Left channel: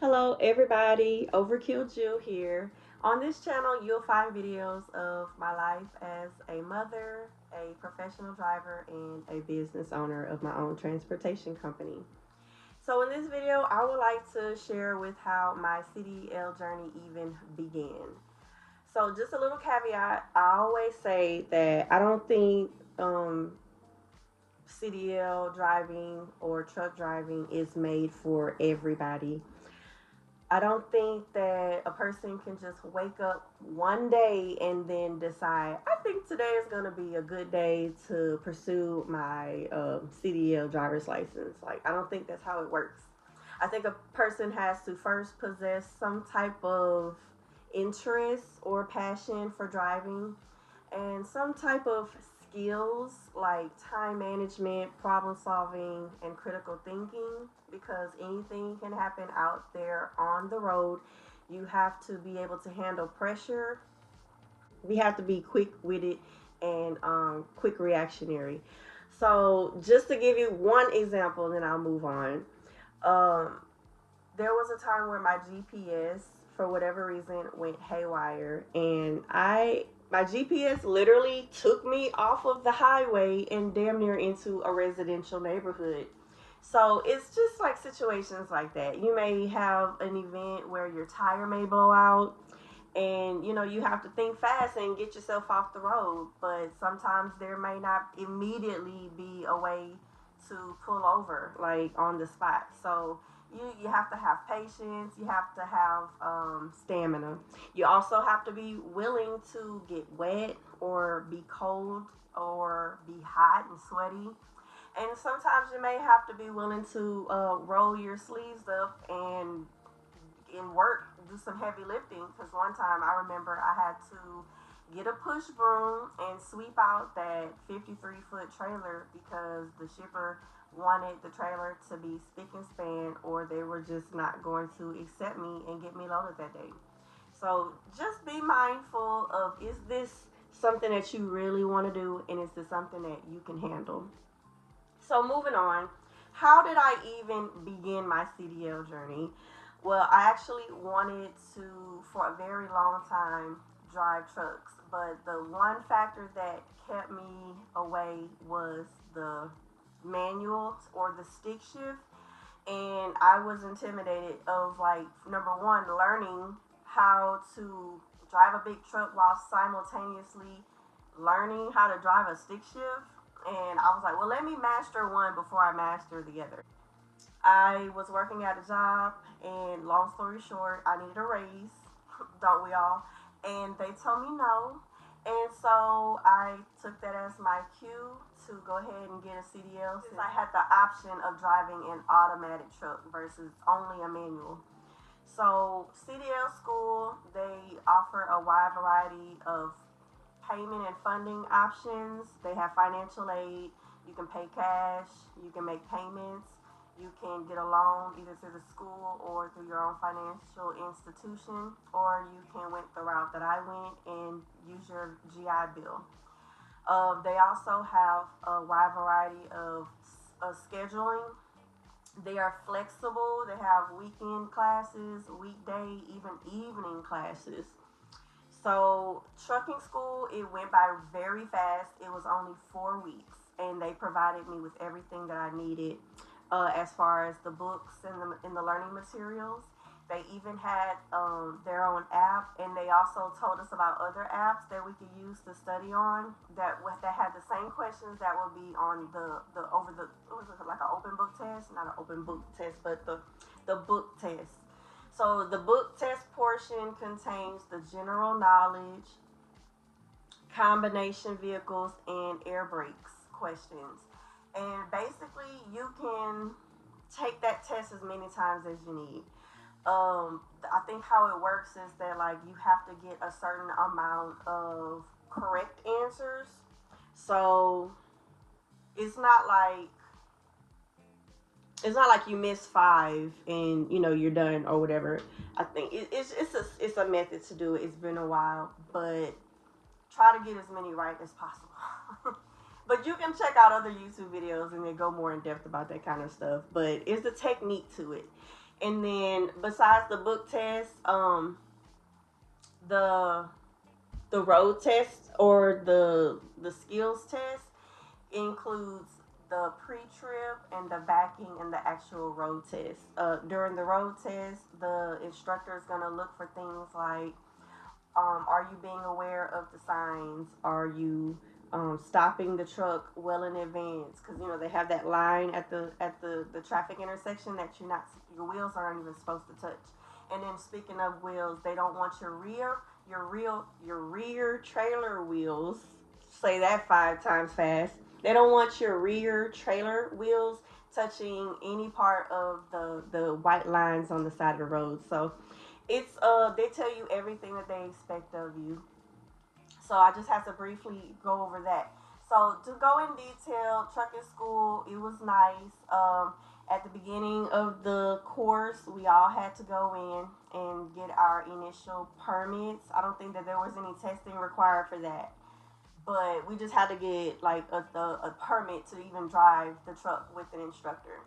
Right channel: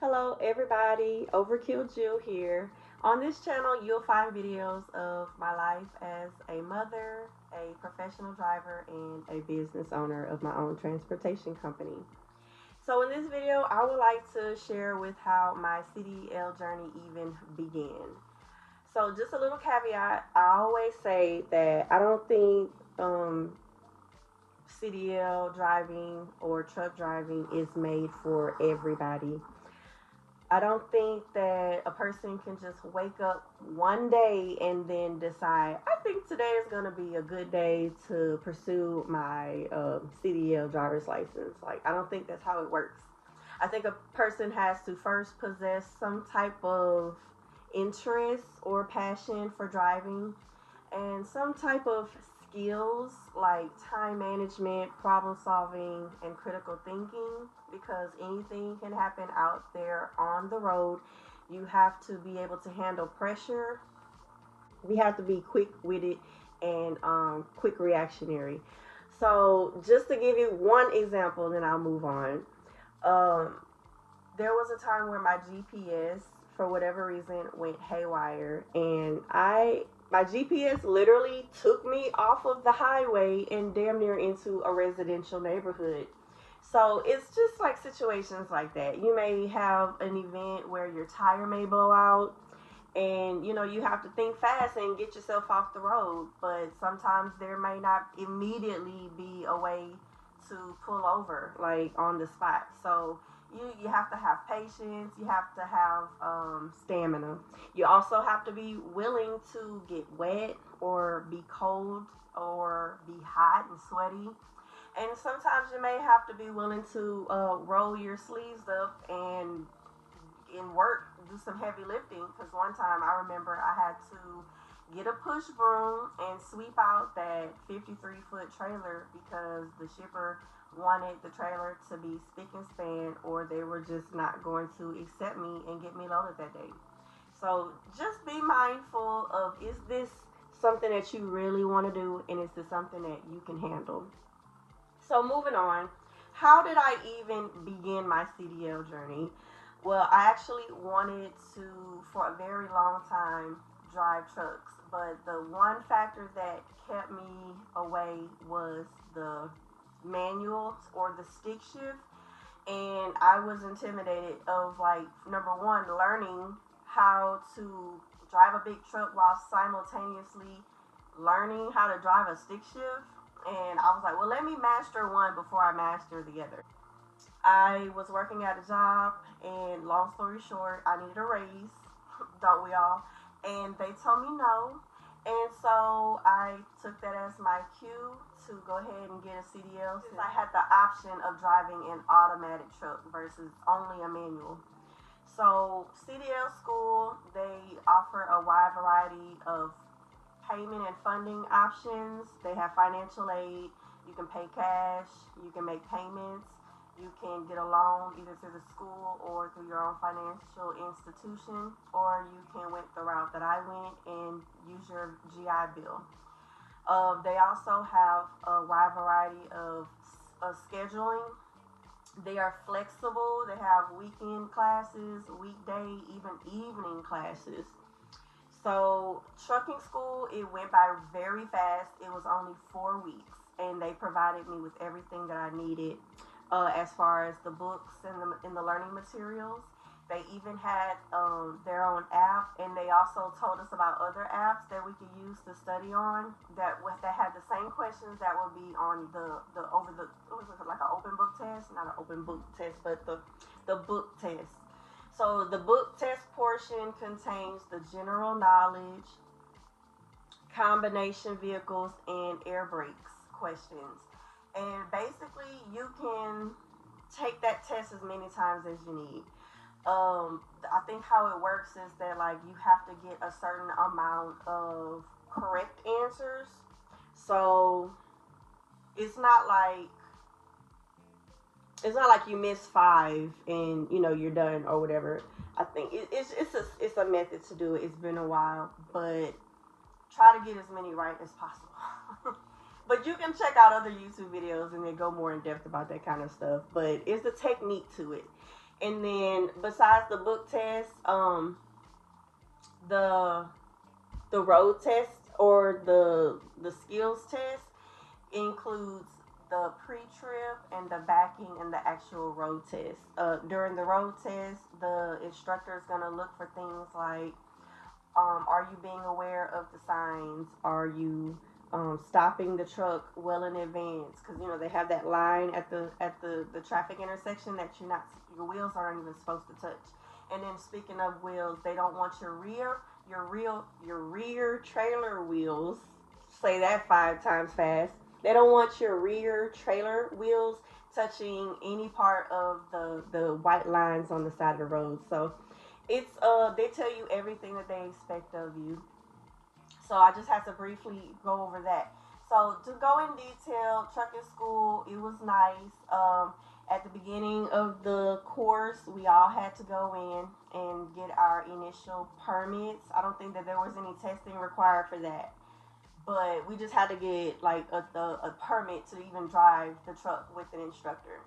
Hello everybody, Overkill Jill here. On this channel you'll find videos of my life as a mother, a professional driver, and a business owner of my own transportation company. So in this video I would like to share with how my CDL journey even began. So just a little caveat, I always say that I don't think CDL driving or truck driving is made for everybody. I don't think that a person can just wake up one day and then decide, I think today is going to be a good day to pursue my CDL driver's license. Like, I don't think that's how it works. I think a person has to first possess some type of interest or passion for driving and some type of skills like time management, problem solving, and critical thinking, because anything can happen out there on the road. You have to be able to handle pressure. We have to be quick witted and quick reactionary. So, just to give you one example, then I'll move on. Um, there was a time where my GPS, for whatever reason, went haywire, and my GPS literally took me off of the highway and damn near into a residential neighborhood. So it's just like situations like that. You may have an event where your tire may blow out, and you have to think fast and get yourself off the road, but sometimes there may not immediately be a way to pull over like on the spot. So you have to have patience, you have to have stamina. You also have to be willing to get wet or be cold or be hot and sweaty, and sometimes you may have to be willing to roll your sleeves up and work, do some heavy lifting. Because one time I remember I had to get a push broom and sweep out that 53-foot trailer because the shipper wanted the trailer to be spick and span, or they were just not going to accept me and get me loaded that day. So just be mindful of, is this something that you really want to do, and is this something that you can handle? So moving on, how did I even begin my CDL journey? Well, I actually wanted to, for a very long time, drive trucks, but the one factor that kept me away was the manual or the stick shift, and I was intimidated of, like, number one, learning how to drive a big truck while simultaneously learning how to drive a stick shift. And I was like, well, let me master one before I master the other. I was working at a job, and long story short, I needed a raise, don't we all? And they told me no. And so I took that as my cue to go ahead and get a CDL, since I had the option of driving an automatic truck versus only a manual. So, CDL school, they offer a wide variety of payment and funding options. They have financial aid. You can pay cash. You can make payments. You can get a loan either through the school or through your own financial institution, or you can went the route that I went and use your GI Bill. They also have a wide variety of scheduling. They are flexible. They have weekend classes, weekday, even evening classes. So trucking school, it went by very fast. It was only 4 weeks, and they provided me with everything that I needed, as far as the books and the learning materials. They even had their own app, and they also told us about other apps that we could use to study on that had the same questions that would be on the over the, what was it, like an open book test, not an open book test, but the book test. So the book test portion contains the general knowledge, combination vehicles, and air brakes questions. And basically, you can take that test as many times as you need. I think how it works is that, like, you have to get a certain amount of correct answers. So it's not like you miss five and you're done or whatever. I think it's a method to do it. It's been a while, but try to get as many right as possible. But you can check out other YouTube videos and they go more in depth about that kind of stuff. But it's the technique to it. And then besides the book test, the the road test or the skills test includes the pre-trip and the backing and the actual road test. During the road test, the instructor is going to look for things like, are you being aware of the signs? Are you stopping the truck well in advance? Because you know they have that line at the traffic intersection that your wheels aren't even supposed to touch. And then speaking of wheels, they don't want your rear trailer wheels. Say that 5 times fast. They don't want your rear trailer wheels touching any part of the white lines on the side of the road. So it's they tell you everything that they expect of you. So I just have to briefly go over that. So to go in detail, trucking school, it was nice. At the beginning of the course, we all had to go in and get our initial permits. I don't think that there was any testing required for that, but we just had to get like a permit to even drive the truck with an instructor.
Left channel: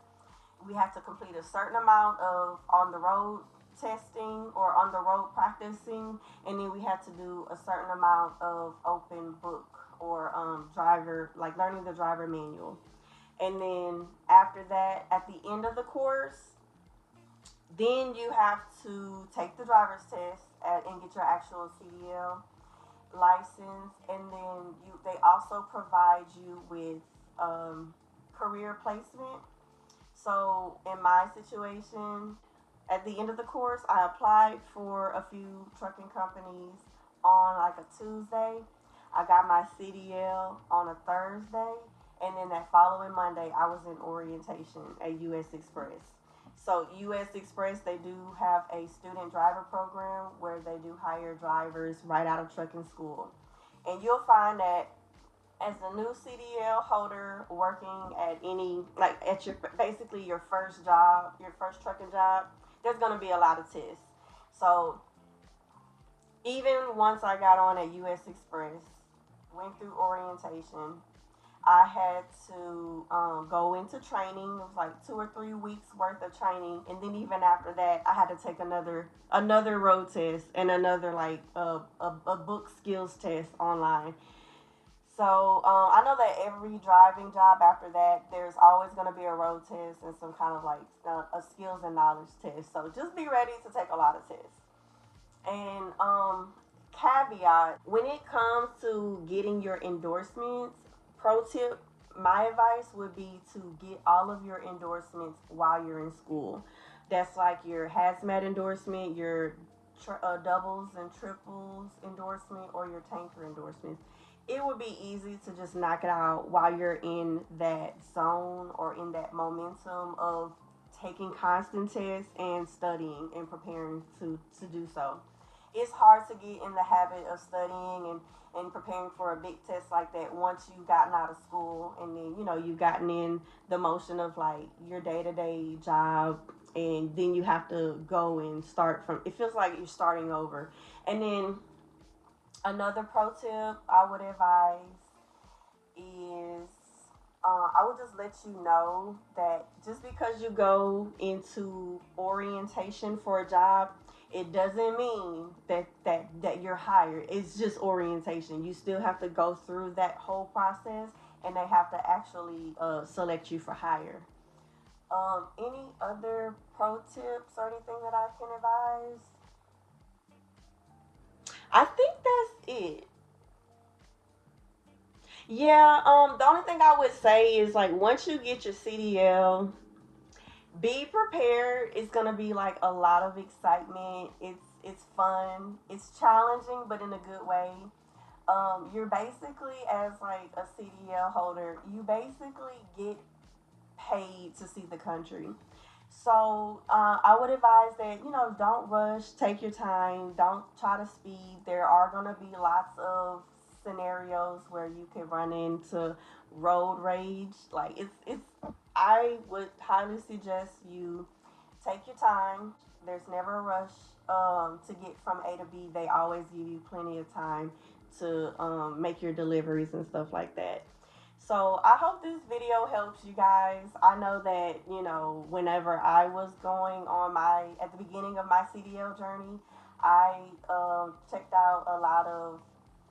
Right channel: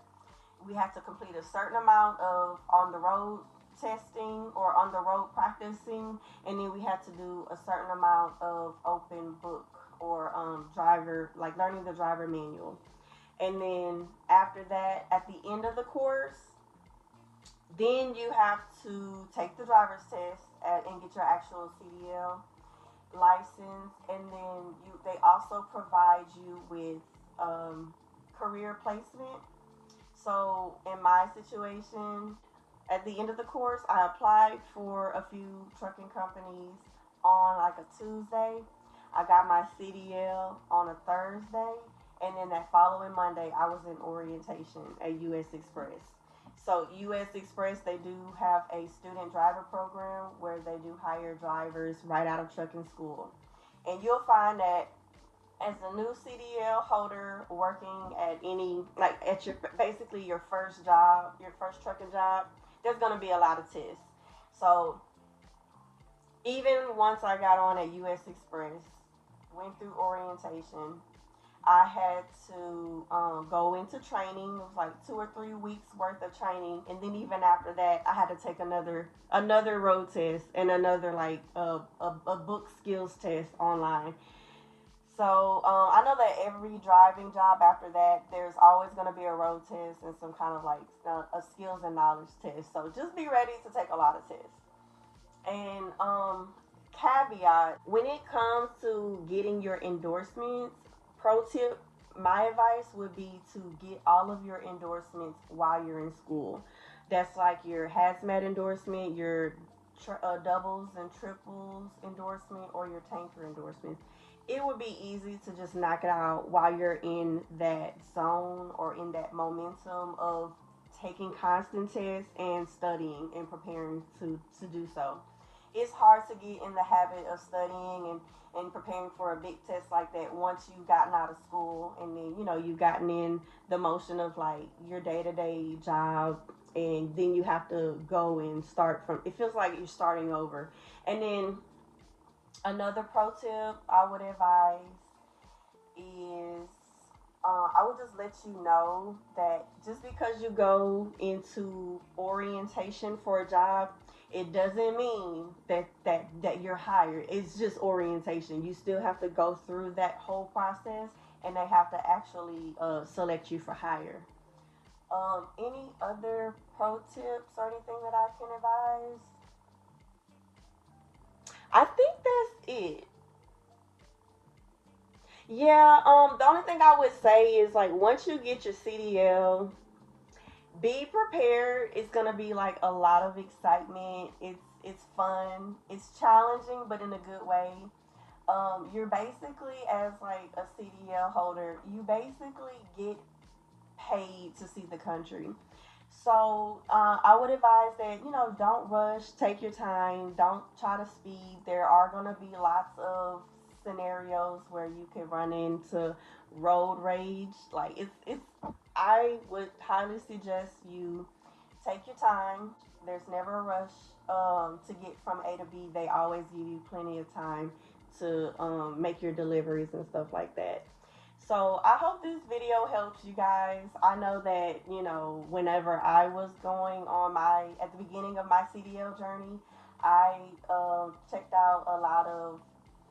We have to complete a certain amount of on the road testing or on the road practicing, and then we have to do a certain amount of open book or driver, like learning the driver manual. And then after that, at the end of the course, then you have to take the driver's test and get your actual CDL license, and then they also provide you with career placement. So in my situation, at the end of the course, I applied for a few trucking companies on like a Tuesday. I got my CDL on a Thursday, and then that following Monday, I was in orientation at US Express. So US Express, they do have a student driver program where they do hire drivers right out of trucking school, and you'll find that as a new CDL holder working at any, like at your basically your first job, your first trucking job, there's going to be a lot of tests. So even once I got on at US Express, went through orientation, I had to go into training. It was like 2 or 3 weeks worth of training, and then even after that, I had to take another road test and another like a book skills test online. So I know that every driving job after that, there's always going to be a road test and some kind of like a skills and knowledge test. So just be ready to take a lot of tests. And caveat, when it comes to getting your endorsements, pro tip, my advice would be to get all of your endorsements while you're in school. That's like your hazmat endorsement, your doubles and triples endorsement, or your tanker endorsements. It would be easy to just knock it out while you're in that zone or in that momentum of taking constant tests and studying and preparing to do so. It's hard to get in the habit of studying and preparing for a big test like that once you've gotten out of school, and then you know you've gotten in the motion of like your day-to-day job, and then you have to go and start from, it feels like you're starting over. And then another pro tip I would advise is I would just let you know that just because you go into orientation for a job, it doesn't mean that you're hired. It's just orientation. You still have to go through that whole process, and they have to actually select you for hire. Any other pro tips or anything that I can advise? I think that's it. Yeah, the only thing I would say is like once you get your CDL, be prepared. It's gonna be like a lot of excitement. It's fun. It's challenging, but in a good way. You're basically as like a CDL holder, you basically get paid to see the country. So I would advise that don't rush, take your time, don't try to speed. There are gonna be lots of scenarios where you can run into road rage. Like it's I would highly suggest you take your time. There's never a rush to get from A to B. They always give you plenty of time to make your deliveries and stuff like that. So I hope this video helps you guys. I know that, whenever I was going on at the beginning of my CDL journey, I checked out a lot of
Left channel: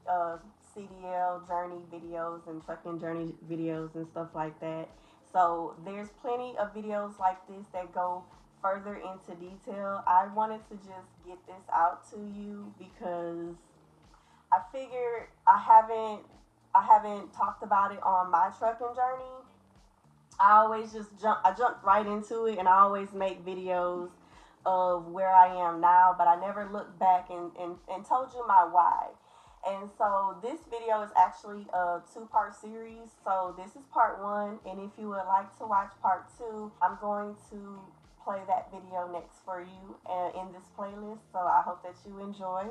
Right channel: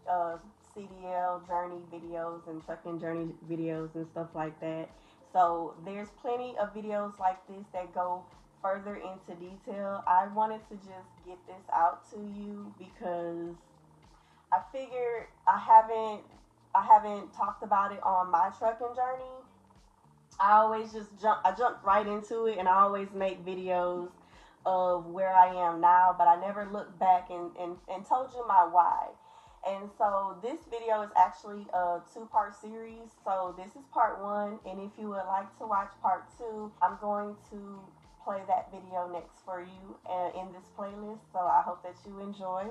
uh, CDL journey videos and trucking journey videos and stuff like that. So there's plenty of videos like this that go further into detail. I wanted to just get this out to you because I figured I haven't talked about it on my trucking journey. I jumped right into it, and I always make videos of where I am now, but I never looked back and told you my why. And so this video is actually a two-part series. So this is part one, and if you would like to watch part two, I'm going to play that video next for you in this playlist. So I hope that you enjoy.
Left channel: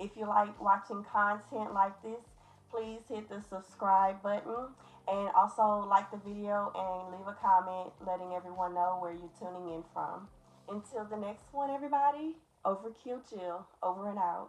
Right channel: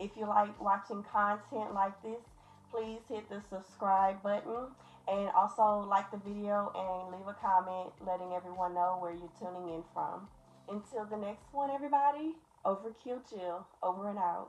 If you like watching content like this, please hit the subscribe button and also like the video and leave a comment letting everyone know where you're tuning in from. Until the next one, everybody, overkill chill, over and out.